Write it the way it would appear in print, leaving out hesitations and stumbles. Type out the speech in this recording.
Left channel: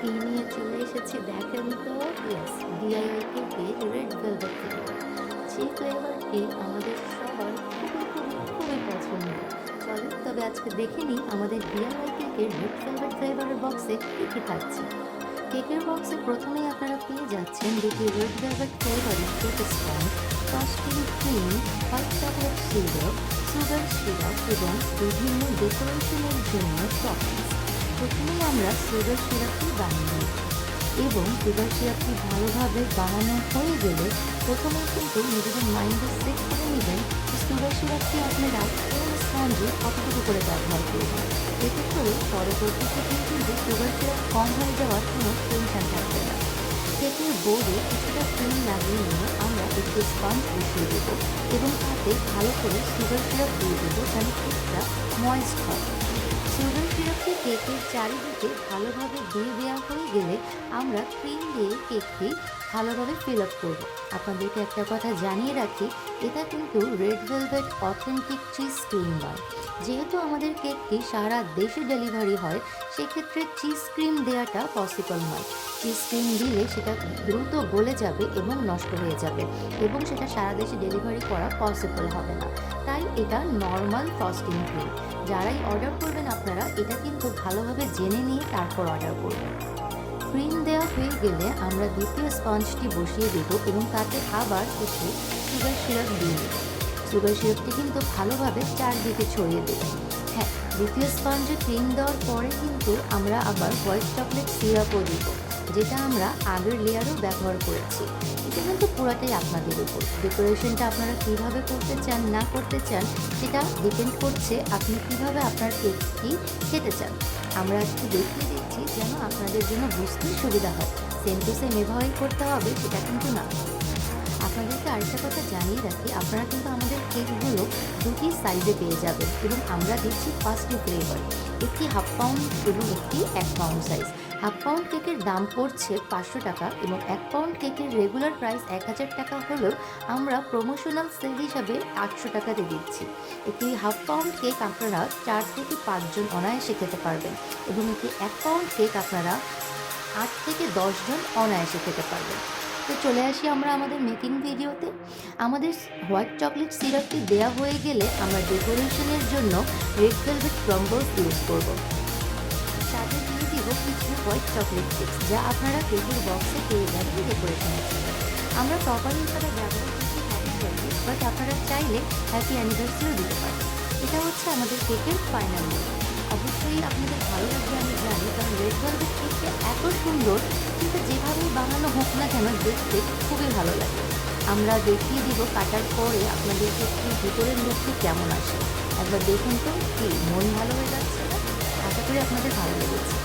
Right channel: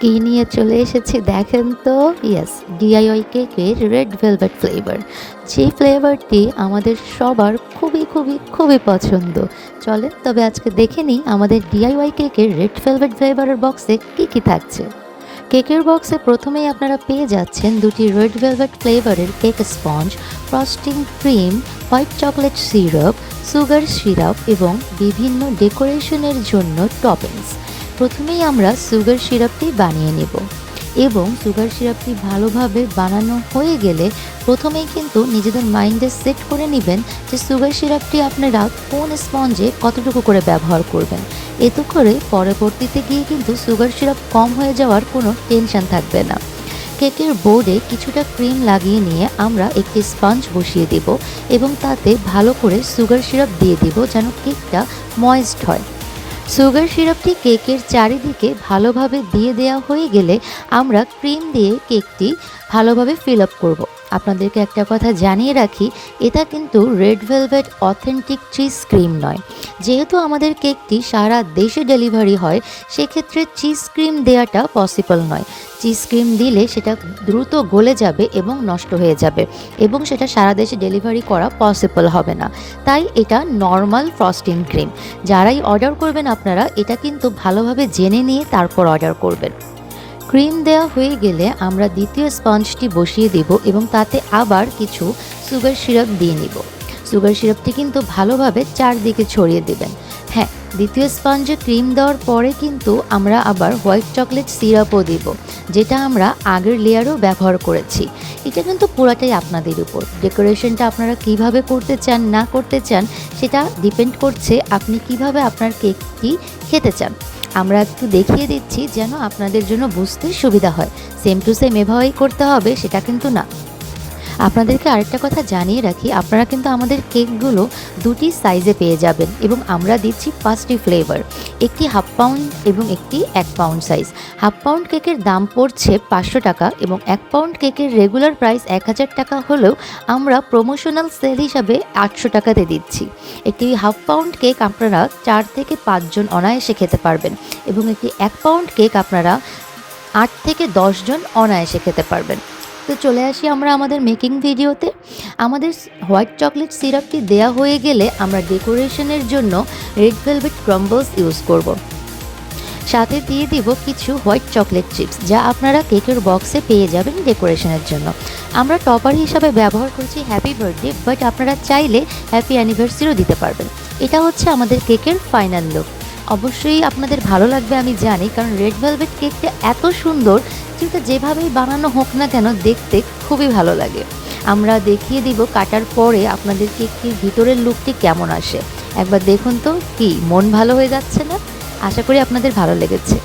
কি নিয়ে চলে এসেছি দেখেন তো। ইয়েস, ডিআইওয়াই কেকের রেড ভেলভেট ফ্লেভার, যে ফ্লেভারটি আমাদের সবার খুবই খুবই খুবই পছন্দ। চলেন তবে আজকে দেখে নিই আমাদের ডিআইওয়াই কেকের রেড ভেলভেট ফ্লেভারের বক্সে কী কী থাকছে। কেকের বক্সে প্রথমেই আপনারা পেয়ে যাচ্ছেন দুটি রেড ভেলভেট ফ্লেভারের cake sponge, frosting cream, white chocolate syrup, sugar syrup এবং বিভিন্ন ডেকোরেশনের জন্য টপিংস। প্রথমেই আমরা সুগার সিরাপটি বানিয়ে নেব এবং সুগার সিরাপটি ভালোভাবে বানানো হয়ে গেলে প্রথমেই কিন্তু নিজেদের মাইন্ডে সেট করে নেবেন যে সুগার সিরাপটি আপনারা কোন স্পঞ্জে কতটুকু করে ব্যবহার করবেন। এতে করে পরবর্তীতে গিয়ে কিন্তু সুগার সিরাপ কম হয়ে যাওয়ার কোনো টেনশন থাকবে না। কেকের বোর্ডে কিছুটা ক্রিম লাগিয়ে নিয়ে আমরা একটি স্পঞ্জ বসিয়ে দেব এবং তাতে ভালো করে সুগার সিরাপ দিয়ে দেব যেন কেকটা ময়েস্ট হয়। সুগার সিরাপটি কেকের চারিদিকে ভালোভাবে দিয়ে দেওয়া হয়ে গেলে আমরা ক্রিম দিয়ে কেকটি ভালোভাবে ফিল আপ করব। আপনাদেরকে একটা কথা জানিয়ে রাখি, এটা কিন্তু red velvet authentic cheese cream নয়। যেহেতু আমাদের কেকটি সারা দেশে ডেলিভারি হয়, সেক্ষেত্রে চিজ ক্রিম দেওয়াটা পসিবল নয়। চিজ ক্রিম দিলে সেটা দ্রুত গলে যাবে এবং নষ্ট হয়ে যাবে এবং সেটা সারা দেশে ডেলিভারি করা পসিবল হবে না। তাই এটা নর্মাল ফ্রস্টিং ক্রিম। যারাই অর্ডার করবেন আপনারা এটা কিন্তু ভালোভাবে জেনে নিয়ে তারপর অর্ডার করবেন। ক্রিম দেওয়া হয়ে গেলে আমরা দ্বিতীয় স্পঞ্জটি বসিয়ে দেব এবং তাতে আবার কিছু সুগার সিরাপ দিয়ে নিব। সুগার সিরাপটি কিন্তু ভালোভাবে চারদিকে ছড়িয়ে দেবেন। হ্যাঁ, দ্বিতীয় স্পঞ্জে ক্রিম দেওয়ার পরে কিন্তু আমরা আবার হোয়াইট চকলেট সিরাপও দিব, যেটা আমরা আগের লেয়ারেও ব্যবহার করেছি। এটা কিন্তু পুরাটাই আপনাদের উপর। ডেকোরেশনটা আপনারা কিভাবে করতে চান না করতে চান সেটা ডিপেন্ড করছে আপনি কিভাবে আপনার কেকটি খেতে চান। আমরা একটু দেখিয়ে দিচ্ছি যেন আপনাদের জন্য বুঝতে সুবিধা হয়। সেম টু সেম এভাবেই করতে হবে সেটা কিন্তু না। আপনাদেরকে আরেকটা কথা জানিয়ে রাখি, আপনারা কিন্তু আমাদের কেকগুলো দুটি সাইজে পেয়ে যাবেন এবং আমরা দিচ্ছি 5টি ফ্লেভার, একটি হাফ পাউন্ড এবং একটি 1 পাউন্ড সাইজ। হাফ পাউন্ড কেকের দাম পড়ছে 500 টাকা এবং 1 পাউন্ড কেকের রেগুলার প্রাইস 1000 টাকা হলেও আমরা প্রমোশনাল সেল হিসাবে 800 টাকাতে দিচ্ছি। একটি হাফ পাউন্ড কেক আপনারা 4 থেকে 5 জন অনায়াসে খেতে পারবেন এবং একটি 1 পাউন্ড কেক আপনারা 8 থেকে 10 জন অনায়াসে খেতে পারবেন। তো চলে আসি আমরা আমাদের মেকিং ভিডিওতে। আমাদের হোয়াইট চকলেট সিরাপটি দেয়া হয়ে গেলে আমরা ডেকোরেশনের জন্য রেড ভেলভেট ক্রাম্বলস ইউজ করব। সাথে দিয়ে দিব কিছু হোয়াইট চকলেট চিপস, যা আপনারা কেকের বক্সে পেয়ে যাবেন ডেকোরেশনের জন্য। আমরা টপার হিসাবে ব্যবহার করছি হ্যাপি বার্থডে, বাট আপনারা চাইলে হ্যাপি অ্যানিভার্সারিও দিতে পারবেন। এটা হচ্ছে আমাদের কেকের ফাইনাল লুক। অবশ্যই আপনাদের ভালো লাগবে আমি জানি, কারণ রেড ভেলভেট কেকটা এত সুন্দর, কিন্তু যেভাবেই বানানো হোক না কেন দেখতে খুবই ভালো লাগে। আমরা দেখিয়ে দিব কাটার পরে আপনাদের কেকটির ভিতরের লুকটি কেমন আসে। একবার দেখুন তো, কি মন ভালো হয়ে যাচ্ছে না? আশা করি আপনাদের ভালো লেগেছে।